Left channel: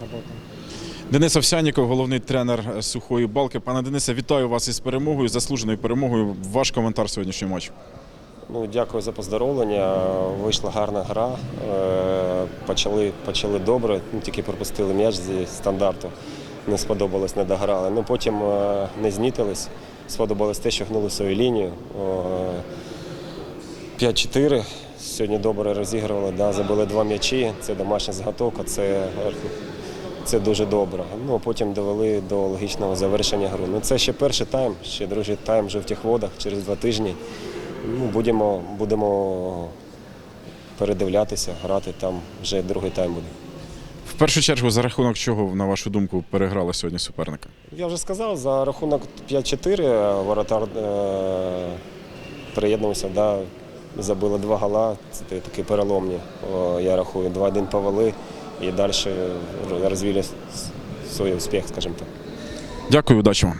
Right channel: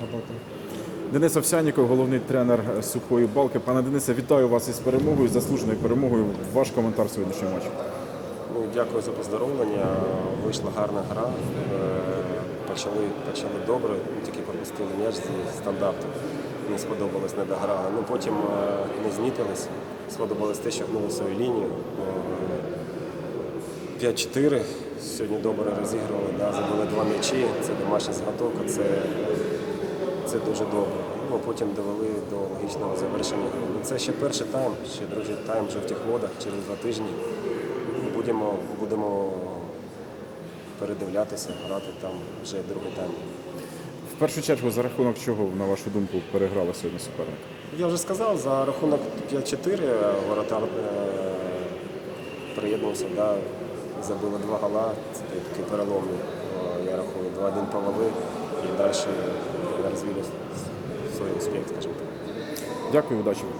работаем. Денис Овсяніков, головний тренер сухої балки. Пане Денисе, вітаю вас із перемогою, заслуженою перемогою. Ваш коментар сьогоднішнього матчу. Ну, дякую за поздоровлення. Вийшла гарна гра. Е, Почали, почали добре, ну, тільки пропустили м'яч зі стандарту. Не сподобалось, не дограли. Ну потім е, не знітились. Сподобалось те, що гнули свою лінію. Е, 5-4. Сьогодні добре розігрували, да, забили два м'ячі. Це домашня заготовка, це, це дуже добре. Ну, а потім довели до логічного завершення гри. Ну, це ще перший тайм, ще другий тайм в жовтих водах через два тижні. Ну, будемо, будемо передивлятися, грати там вже другий тайм. В першу чергу, за рахунок чого, на вашу думку, переграли сьогодні суперника? Я вже сказав, за рахунок 5-4 воротар е, приєднувався, да, забили два гола, це такі переломні. Я рахую, 2-1 повели і далі розвили свій успіх, скажімо так. Дякую, удачі вам.